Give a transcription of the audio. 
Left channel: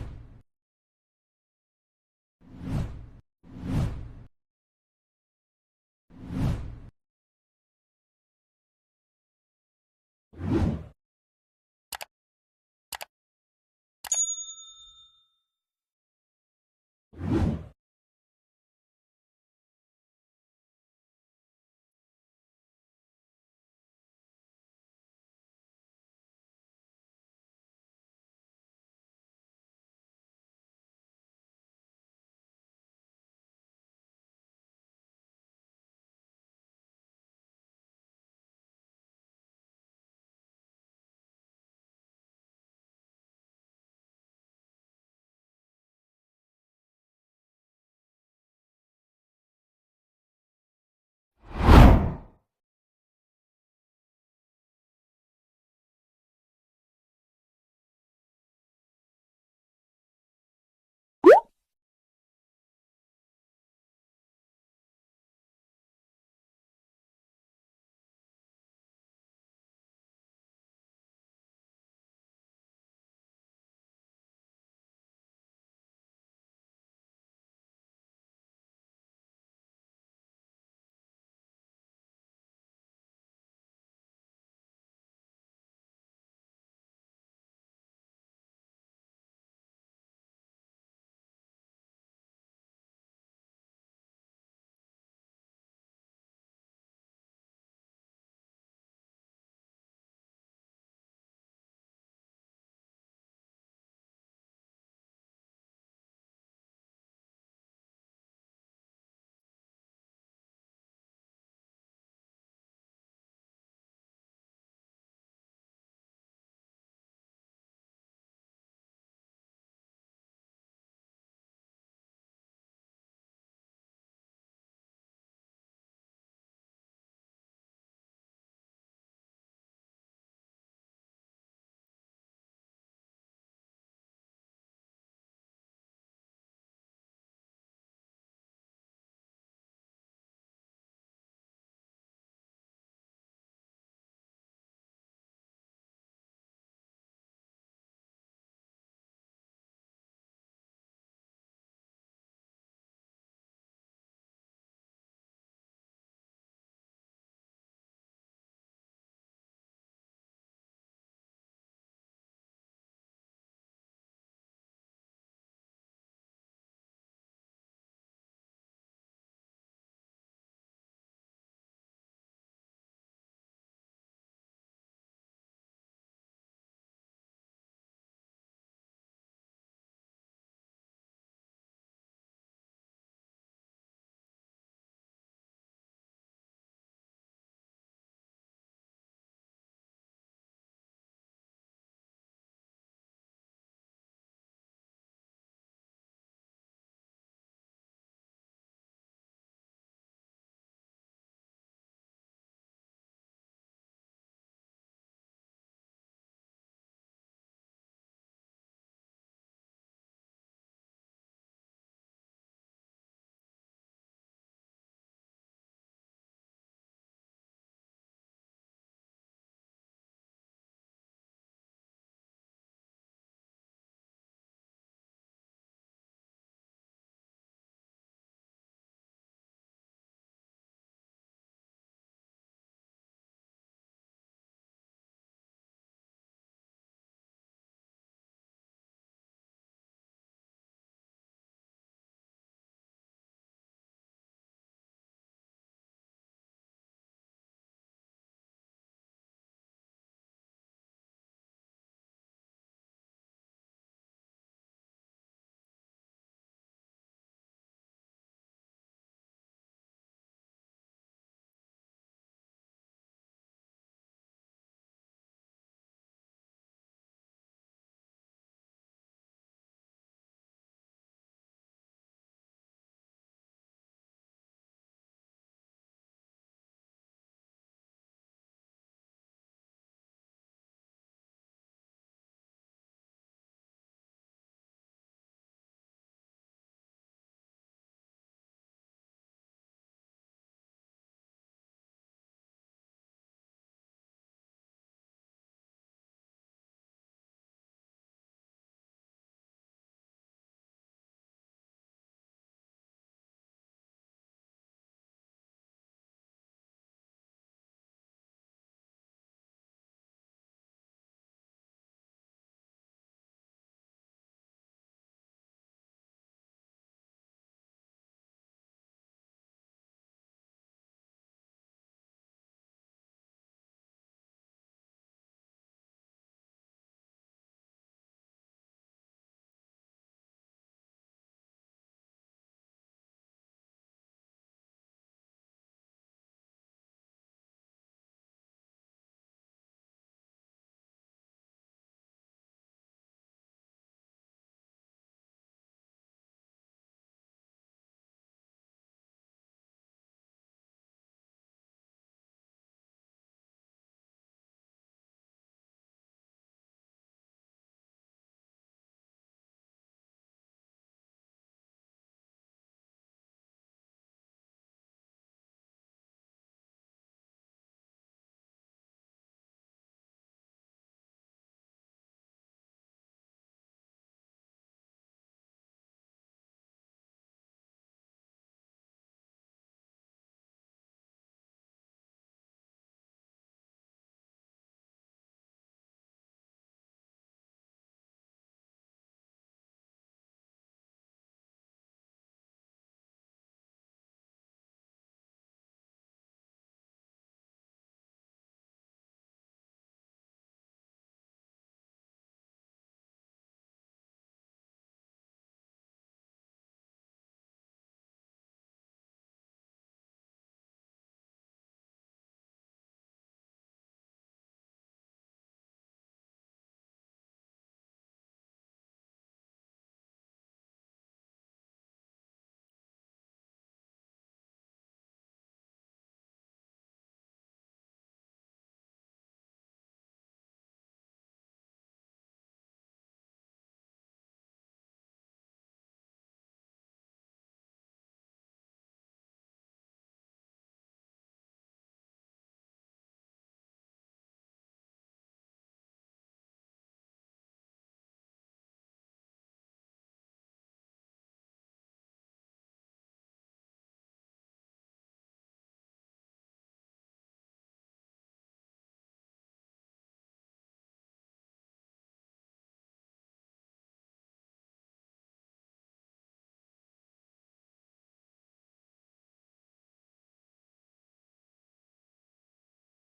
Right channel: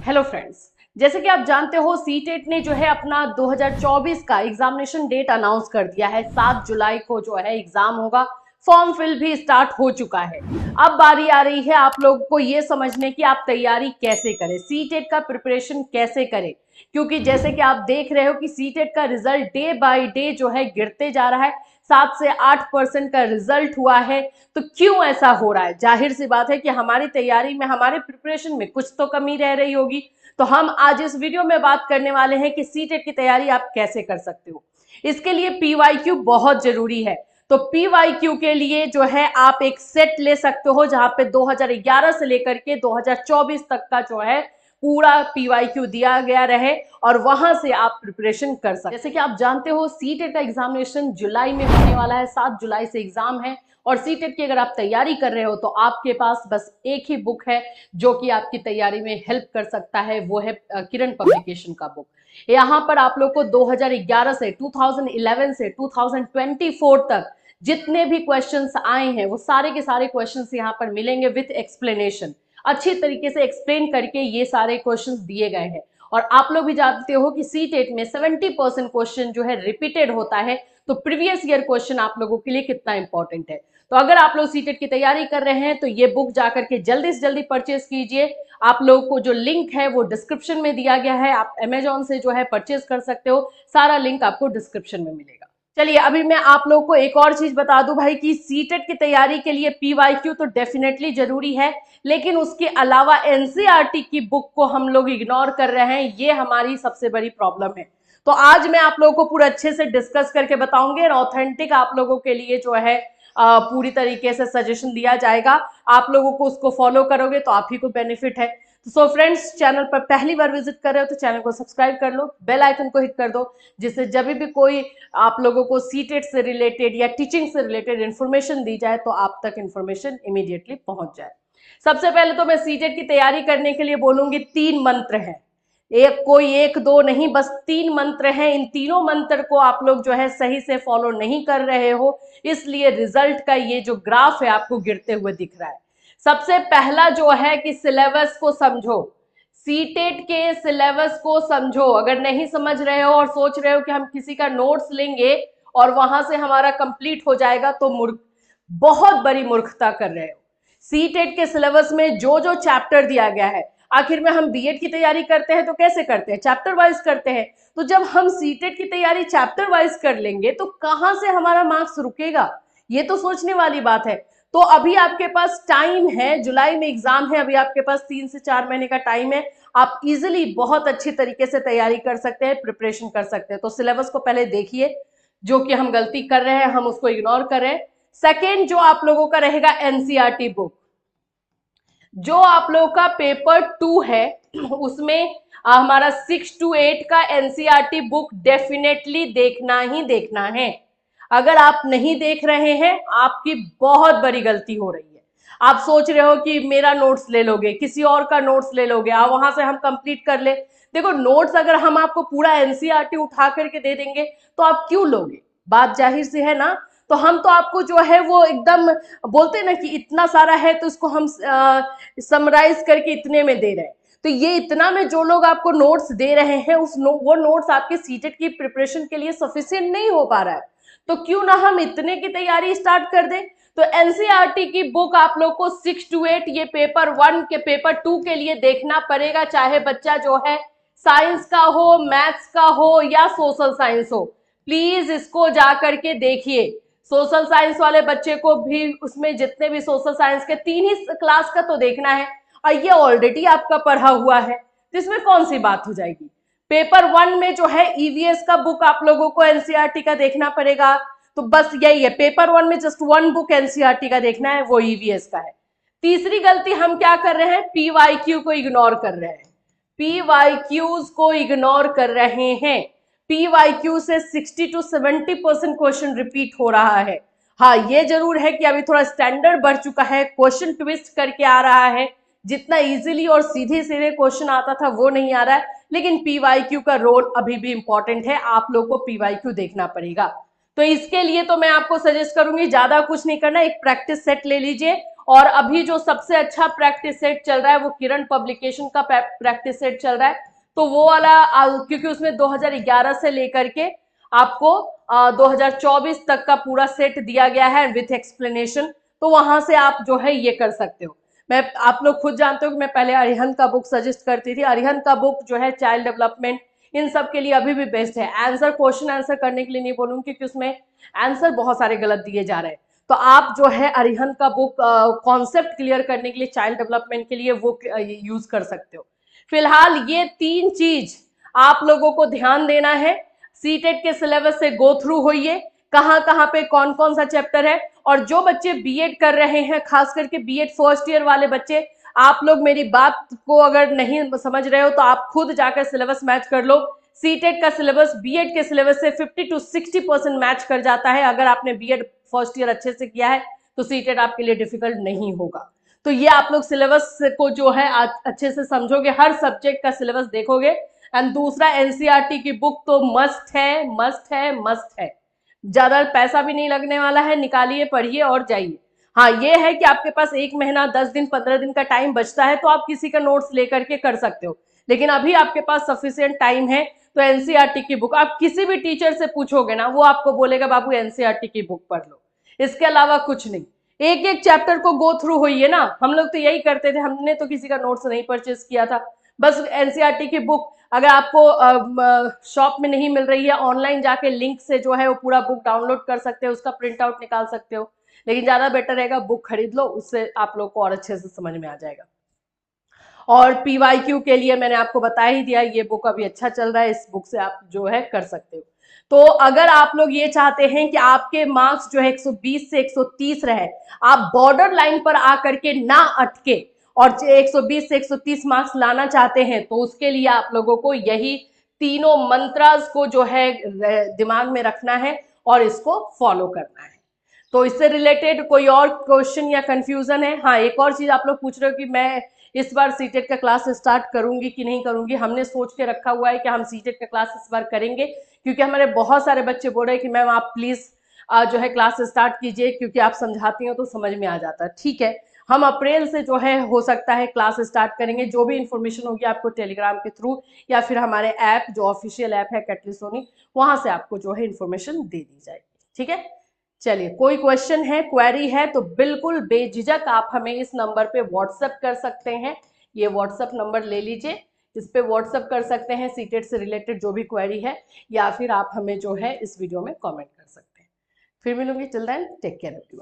Hello friends, जैसे कि आप जानते हो सीटेट ने जो है अपना 2024 का एग्जामिनेशन डेट अनाउंस कर दिया है। 7 जुलाई को जो है एग्जाम होगा। फॉर्म फिल भी स्टार्ट हो चुका है। अब बारी आ रही है आप लोगों को ये समझने की आप तैयारी कैसे करें, सीटेट का प्रिपरेशन कैसे करें। क्योंकि जैसे कि आप देख रहे हो कि सीटेट का रिजल्ट डे बाय डे जो है गिरते जा रहा है। 7 से 8% का रिजल्ट हुआ है। तो क्यों ऐसा हो रहा है? जाहिर सी बात है कि हमारी तैयारी में, हमारे प्रिपरेशन में कुछ तो कमी रह रही होगी। तो हम आज इस वीडियो में बात करने वाले हैं कि सीटेट की तैयारी आप कैसे कर सकते हो। इसके लिए पीवाईक्यू बहुत जरूरी है। तो पीवाईक्यू के लिए जो है आप एक सेट ले सकते हो जहां पे 2011 से लेकर के 2024 तक का जो है पूरा पीवाईक्यू दिया गया रहे और वहां से आप प्रिपरेशन कर सकते। जैसे कि आप जानते हो सीटेट का एग्जामिनेशन जुलाई में होने वाला है। 7 जुलाई से एग्जाम है और सीटेट की अगर आप तैयारी कर रहे हो तो आपके पास बस एक ही बुक है जो कि आपकी तैयारी में हेल्प कर सकता है, वो है किरण पब्लिकेशन का बुक। यहाँ पर आप लोग को 2011 से 2011 से 2024 तक जितने भी क्वेश्चंस आए हैं वो सारे के सारे क्वेश्चंस यहाँ पर मिलेंगे विथ एक्सप्लेनेशन। अच्छी तरीके से एक्सप्लेन करके ये सारे क्वेश्चंस दिए गए हैं। और आप लोग भी जानते हो कि सीटेट में 70% क्वेश्चन जो है रिपीटेड होता है। तो प्रीवियस ईयर क्वेश्चन आप लोगों के लिए कितना इंपॉर्टेंट है। तो अगर आप लोग सीटेट की तैयारी कर रहे हैं तो ये बुक जाकर के जल्दी से जल्दी परचेज कीजिए। आप लोगों को जो लिंक है वो डिस्क्रिप्शन में दिया गया है। आप अमेजोन से जो है परचेज कर सकते हो। सारा लिंक आपको डिस्क्रिप्शन में मिलेगा। चलिए अभी मैं आप लोगों को एक और चीज बता दूं भाई कि सीटेट की तैयारी के लिए पीवाईक्यू तो डेफिनेटली जरूरी है, लेकिन उसके अलावा एनसीईआरटी की बुक को हम लोग इग्नोर कर रहे हैं। ये हमारी सबसे बड़ी प्रॉब्लम है। तो आज मैं आप लोगों को पूरा अच्छे से डिस्कस करके बताऊंगी और ऑथेंटिक आप लोगों के लिए जो है पूरी तरीके से सजेशन दिया जाएगा। आप लोगों को उसको फॉलो करोगे तो आप ही को बेनिफिट है। सो फ्रेंड्स, चैनल पर पहली बार विजिट कर रहे हो तो चैनल को सब्सक्राइब कर लो, बेल आइकन को हिट कर दो, जिससे जब भी कोई आप लोगों को सीटेट से रिलेटेड या टीचिंग से रिलेटेड इन्फॉर्मेशन दी जाए तो आप तक इन्फॉर्मेशन इमीडिएटली पहुंच जाए। सबसे पहले तो मैं सीटेट की तैयारी करने के लिए बोलूंगी 3 मंत्र हैं। कोई एक दो नहीं, बस 3 मंत्र हैं। इन तीनों मंत्र को आप लोग जो है सही से फॉलो नहीं कर रहे हो, इसलिए रिजल्ट का ये जो ग्राफ है आपको गिरते हुए दिख रहा है। सबसे पहला जो है कि सिलेबस को समझो। सीटेट के सिलेबस को समझो। अगर नहीं समझ रहे हो और सोच रहे हो कि हम किसी का नोट्स लेंगे और वहां से हमारा कंप्लीट हो जाएगा तो बहुत बड़ी मूर्खता कर रहे हो। सीटेट के सिलेबस में जो जो चैप्टर दिया गया है, आखिर में हम बीएड की तैयारी करते हैं तो कैसे करते हैं? चैप्टर वाइज करते हैं। तो जब हम सीटेट की तैयारी चैप्टर वाइज कर लेंगे तो कहां से हमारा मार्क्स रुकेगा? ये तो सोचने वाली बात है। तो अभी आपके पास टाइम है, जुलाई में एग्जाम है, अभी आपके पास 3 से 4 महीने का टाइम है। आप इजिली बहुत अच्छी तरीके से तैयारी कर सकते हैं, प्रिपरेशन कर सकते हैं। तो सिलेबस को पहले देखिए, जो कि हम गलती कर रहे हैं, हम उसको इग्नोर कर रहे हैं। सेकेंड जो आप लोगों का रहेगा एनसीईआरटी बुक। जो आप लोगों का पेपर 2 है उसमें हमारा 6 to 8 का एनसीईआरटी बुक डेफिनेटली देखना ही देखना है। अगर आप नहीं देख रहे हैं आपकी बहुत बड़ी गलती हो रही है। आप सोच रहे हो कि मेरा नोट्स ले लोगे, किसी और का नोट्स ले लोगे, वहां से हम कंप्लीट कर ले। देखो, नोट्स अगर हम आपको पूरा एनसीईआरटी उठा करके दे देंगे तो आप क्यों लोगे? बात जाहिर सी है ना। तो हम तो आपको जो है वो एकदम बोलते हैं ना कि इतना सारा है तो इसको हम समराइज करके इतने में दे रहे हैं। तो ये इतना में जो लोग आपको नोट्स दे रहे हैं वो नोट्स आपके सीटेट की प्रिपरेशन के लिए सफिशिएंट नहीं हो पा रहा है। तो क्यों ना हम इतने की तैयारी स्टार्ट कर दें। तो एनसीईआरटी की बुक आप लोग को 6 to 8 ये पेपर 1 के पेपर 2 के लिए देखना पड़ेगा, चाहे बच्चा जो है साइंस का हो, मैथ्स का हो या सोशल साइंस हो। प्लीज इसको जा करके देखिए। सोशल साइंस वाले बच्चे को भी उसमें जितने भी सोशल साइंस के 3 ही क्लास का तो देखना है और ये ऑलरेडी आपका पढ़ा हुआ है, तो इसमें कौन सी बात हो जाएगी। पेपर 1 में जो है ईवीएस का बुक आप लोगों को एनसीईआरटी का देखना पड़ेगा। तो बस यही है, पेपर 1 में जस्ट 1 बुक एनसीईआरटी का देखना है, वो ईवीएस का है। तीसरी गलती हम क्या कर रहे हैं? पीवाईक्यू को इग्नोर कर रहे हैं। पीवाईक्यूज को इग्नोर कर रहे हैं। पीवाईक्यू से 60 to 70% क्वेश्चन रिपीट हो रहा है। हाँ, ये जरूर है कि अभी थोड़ा स्टैंडर्ड बढ़ चुका है, क्वेश्चन ट्विस्ट करके आ रहा है। जितना इजीली और सीधे सीधे क्वेश्चन आता था वो नहीं आ रहा है, लेकिन पीवाईक्यू का रोल अभी भी इंपॉर्टेंट है। आप लोग को पीवाईक्यू देखना पड़ेगा। तो इसके लिए तो मैं आपको सजेस्ट करूंगी ज्यादा कुछ नहीं करना, एक प्रैक्टिस सेट ले लीजिए और अभी जो सबसे अच्छा प्रैक्टिस सेट चल रहा है वो किरण पब्लिकेशन का प्रैक्टिस सेट चल रहा है। तो वो वाला क्योंकि उसमें 2011 से लेकर के आपको 2024 तक का पूरा सेट दिया गया है विथ एक्सप्लेनेशन, तो वहां से आप जो है ये कर सकते हो। मैं आप लोग खुद जानते हो कि मैं पहले अरिहंत का बुक सजेस्ट करती थी। अरिहंत का बुक जो है चाइल्ड डेवलपमेंट इन सब के लिए अभी भी बेस्ट है। आंसर क्वेश्चन आंसर करने के लिए नहीं बोलूंगी क्योंकि उसमें आंसर बहुत सारे गलत दिए जा रहे हैं। तो आप जो है अरिहंत का बुक कॉन्सेप्ट क्लियर करने के लिए चाइल्ड डेवलपमेंट के लिए वो यूज कर सकते हो। फिलहाल ये 3 चीज आप लोगों को ध्यान देना है। सीटेट के सिलेबस से गो थ्रू होइए, कहां कहां पे कौन कौन सा चैप्टर है। और जो बच्चे बीएड कर रहे हैं, खास करके बीएड फर्स्ट ईयर वाले बच्चे, आप लोग मेरी बात को अगर नहीं समझ रहे हो तो आप खुद जाकर सिलेबस मैच कर लो। सीटेट का सिलेबस बीएड के सिलेबस से 50 to 60% मैच कर जाता है। अगर आपने बीएड फर्स्ट ईयर अच्छे से किया है तो सीटेट आपके लिए डिफिकल्ट नहीं होगा। तो ये आप लोग सिलेबस को जो है अच्छे से समझोगे, हर सब्जेक्ट का सिलेबस देखोगे। एंड दूसरा, एनसीईआरटी की बुक तो मस्ट है, मस्ट है, मस्ट है। ज्यादा पैसा भी नहीं लगने वाला है, निकालिए, पढ़िए और जाइए। हाँ, ये है कि आपके पास 1 महीना, 10 दिन, 15 दिन का टाइम बचता है तो आप किसी का नोट्स लेकर के कर सकते हो। लेकिन अभी आपके पास सफिशिएंट टाइम है तो एनसीईआरटी की बुक आप किसी भी टीचर से पूछोगे ना, वो आपको बोलेगा बाबू एनसीईआरटी की बुक पढ़ लो, इसके अलावा कुछ नहीं। एक एक चैप्टर को गो थ्रू होइए ना। हम लोग तो यही करते थे, हमने तो किसी का नोट्स नहीं परचेज किया था। बस एनसीईआरटी की बुक अगर आपको शॉप में नहीं मिल रही है, ऑनलाइन जाके लिंक से जो है वो पूरा बुक डाउनलोड कर सकते हो, उसका प्रिंट आउट निकाल सकते हो। लेकिन ज्यादा बेटर रहेगा बुक खरीद लो, उससे आप लोग को और अच्छे से समझ में आ जाएगा। और पीवाईक्यू के लिए मैंने आपको बता ही दिया, ये बुक अभी अच्छा चल रहा है, इस बुक से आप जो है कर सकते हो। तो अगर आप लोग ये चाहते हैं कि आपके मार्क्स जो है 120 से 130 रहे, आप बॉर्डर लाइन पर आकर के ना अटके और 120 से 130 मार्क्स लाना चाहते हैं, तो उसके लिए आप लोगों को यही तीनों मंत्रास को जो है दिमाग में रखना है और इसको फॉलो करना है। तो इससे रिलेटेड कोई और क्वेश्चन या कंफ्यूजन है? हाँ, एक और चीज आप लोग पूछ रहे हो कि मैं इस बार सीटेट का क्लास स्टार्ट करूंगी कि नहीं करूंगी। हमने सोच के रखा हुआ है कि हम सीटेट का क्लास इस बार करेंगे, क्योंकि हमारे बहुत सारे बच्चे बोल रहे हैं कि मैम आप प्लीज जो है क्लास स्टार्ट कीजिए, क्योंकि आप समझाती हो तो समझ में आ जाता है। ठीक है, हम अप्रैल से जो है हो सकता है क्लास स्टार्ट करेंगे। जो भी इंफॉर्मेशन होगी आपको टेलीग्राम के थ्रू या फिर हमारे ऐप, जो ऑफिशियल ऐप है कैटलिसोनी, वहां से आपको जो है इंफॉर्मेशन दे दी जाएगी। ठीक है, चलिए, कोई क्वेश्चन है, क्वेरी है तो बिल्कुल बेझिझक आप हमें इस नंबर पे व्हाट्सएप कर सकते हैं। ये व्हाट्सएप नंबर ले लीजिए, इस पे व्हाट्सएप कर सकते हैं सीटेट से रिलेटेड जो भी क्वेरी है, या फिर आप हमें जो है इस वीडियो में कमेंट कर सकते हैं। फिर मिलूंगी, till then take care everyone.